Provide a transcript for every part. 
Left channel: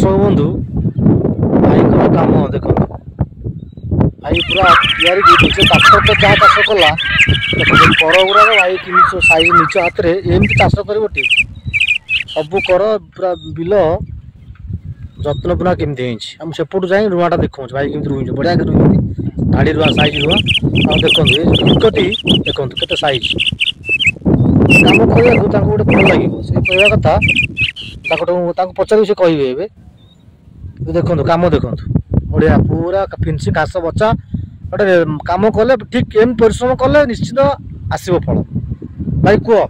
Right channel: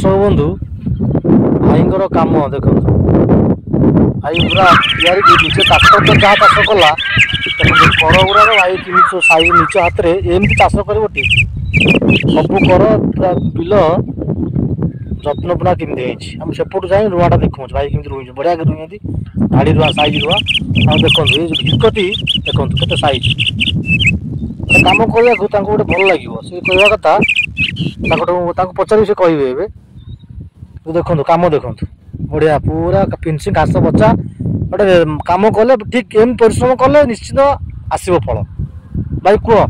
सब बंधु भाई कम देख भाई पूरा तैयारी निजे चाष तो जहाँ चाष कला कर गुड़ा भाई साइज निज हाथ में एमती चाष कर सब कर पूरा बिल जत्न पूरा केमती होम सेपटू जाए रुआटा देखा भाई केमी रुई बढ़िया रुई धाड़ी रुआ साइज रुआ देखो हिकती देखो के साइज कम कहूँ गोटे भल लगे सी कह कथा पचार से कहे देखो कम देखो बढ़िया पूरा फिनिशिंग घास बचा गोटे कम कले ठीक एम परिश्रम कले निश्चित आसव फल भाई कह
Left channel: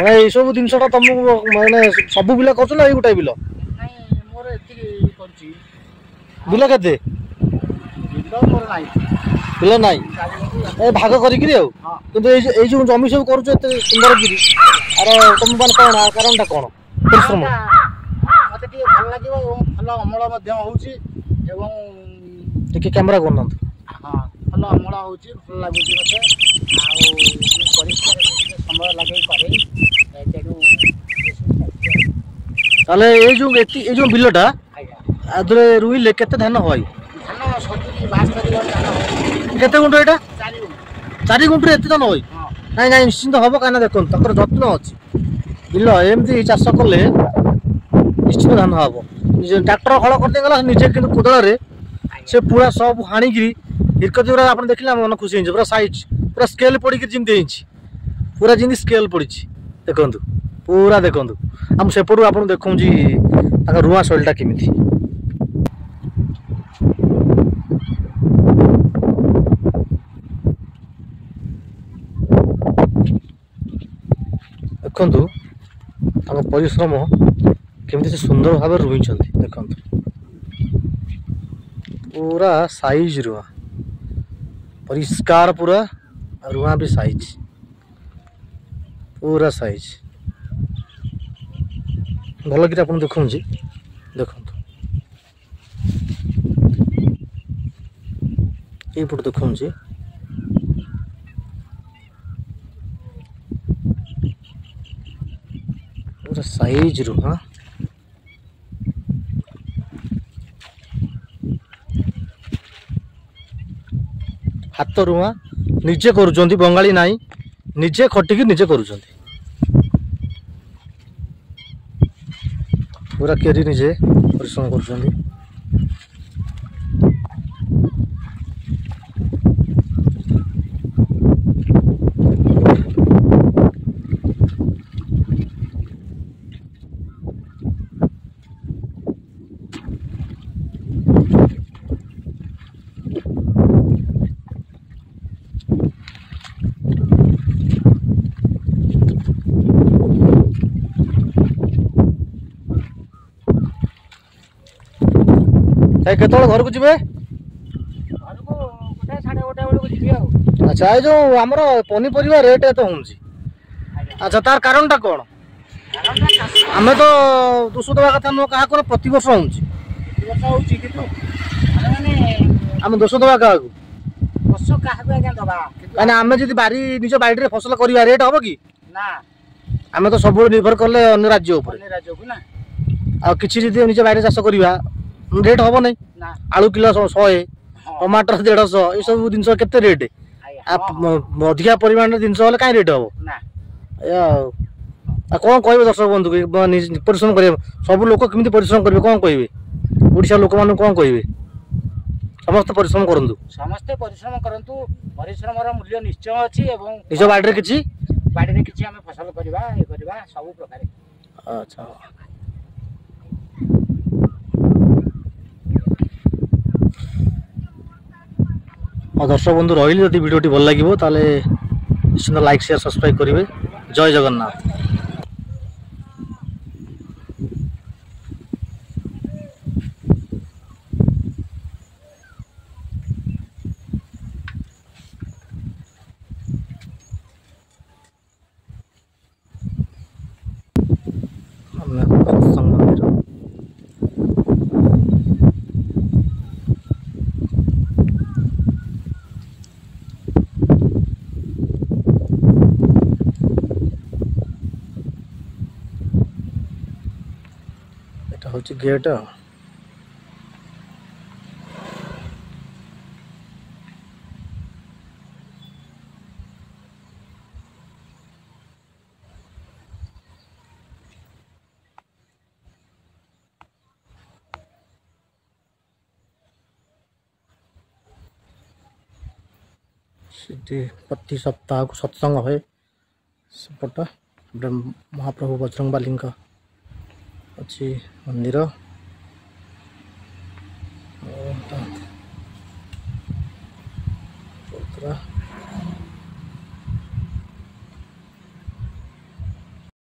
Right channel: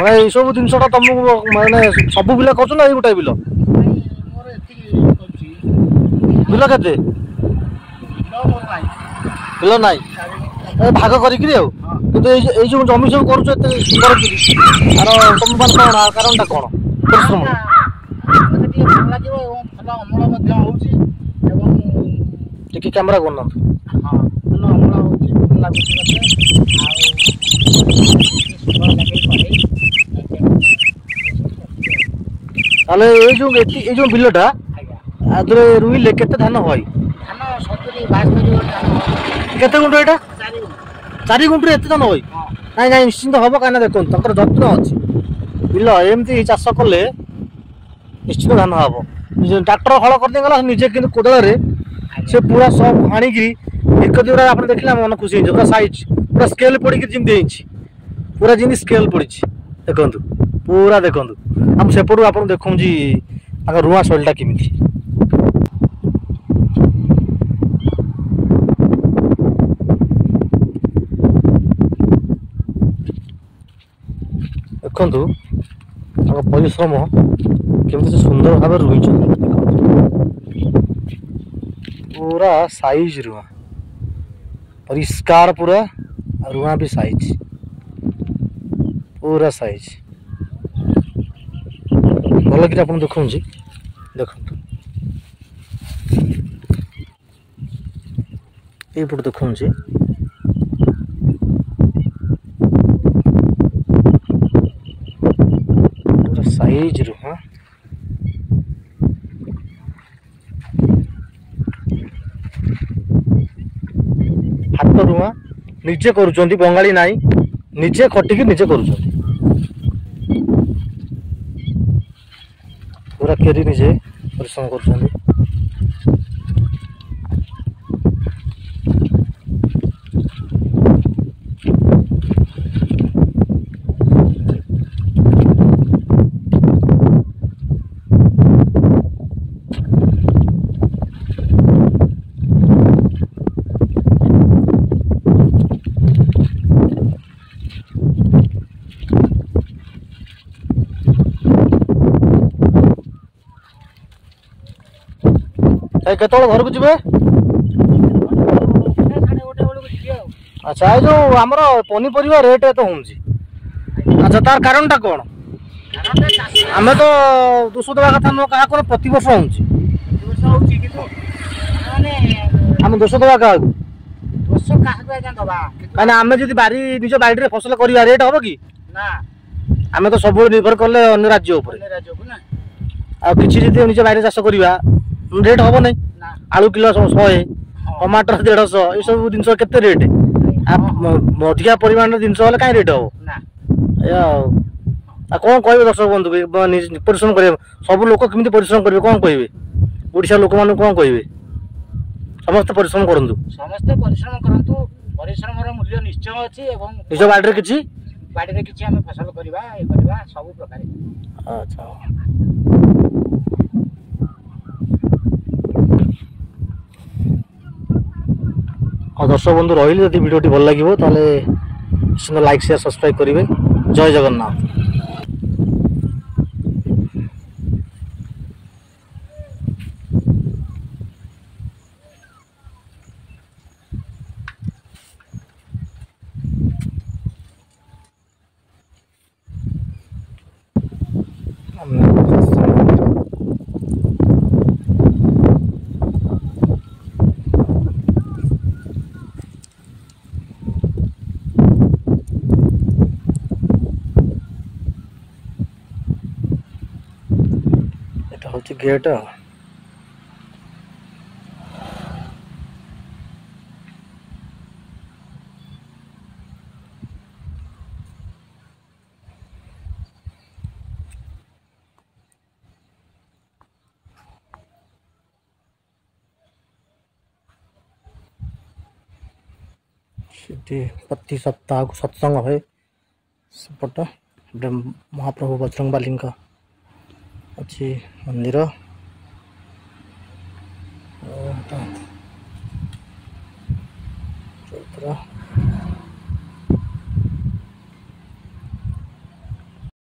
भाई सब जिनसा तुमको मैंने सब बिल कर गोटाए बिल बिल के बिल ना भाग करी जो जमी सब कर सुंदर आर तुम मान कौन कारण कौन परिश्रम टे कैमेरा करना जो बिलटा रुईले के धान हई केते गुंठ एटा 4 गुंठ एत धान हई ना ना निश्चिंत हम कहीं देखो तर जत्न अच्छी बिल एमती चाष कले निश्चित धान हम ट्रैक्टर हल कर निजे कि कोदाल से पूरा सब हाणिकी हिरकती गुरा आप देखिए मन खुशी पूरा साइज पूरा स्केल पड़ी जमी पूरा जमी स्केल पड़ी देखु पूरा देखु आम सेपटू आप देखूँ रुआ शैलीटा केमी देखु परिश्रम केमती सुंदर भाव रुई देख पूरा साइज रुआ परिष्कार पूरा रुआ भी साइज पूरा साइज भल कि आप देखुँ देखु ये देखुँ पूरा साइज रुआ हाथ रुआ निजे करुँच बंगाली नाई निजे खटिकी निजे करुँच पूरा केरी निजे परिश्रम कर केत घर को जी अच्छा ये जो आमर पनीपरिया रेट तो हूँ अच्छा तार कारण टा कौन आम तो दोष देवा कथा नुह क्या प्रति वर्ष आम दोष देवा क्या कहीं आम जब बारी निज बाड़ी फसल कर रेट हम कि आम तो सब निर्भर कले अन्य राज्य कि निज बाड़ी चाष करवा रेट हम नहीं आलू किलो 100 टमाटर 150 ये सब जिन के रेट अधिका परिमाण जिन कहीं रेट हम कौन कह दर्शक बंधु परिश्रम कर सब लोक केमी परिश्रम करेंगे कौन कहे ओडिशा लोक मान कौन कहे समस्त परिश्रम करूँ समस्ते परिश्रम करंतु परिश्रम मूल्य निश्चय अच्छी निज बाड़ी किसी आम फसल करवा सब प्रकार अच्छा हाँ दर्शक बंधु रही जब भिडियोटी भल लगे ताले निश्चित लाइक शेयर सब्सक्राइब करेंगे। जय जगन्नाथ। এটা হচ্ছে গেট। ସେଠି ପ୍ରତି ସପ୍ତାହକୁ ସତ୍ସଙ୍ଗ ହୁଏ ସେପଟ। ମହାପ୍ରଭୁ ବଜରଙ୍ଗବାଲିଙ୍କ ଅଛି ମନ୍ଦିର। ଚୌଦ୍ରା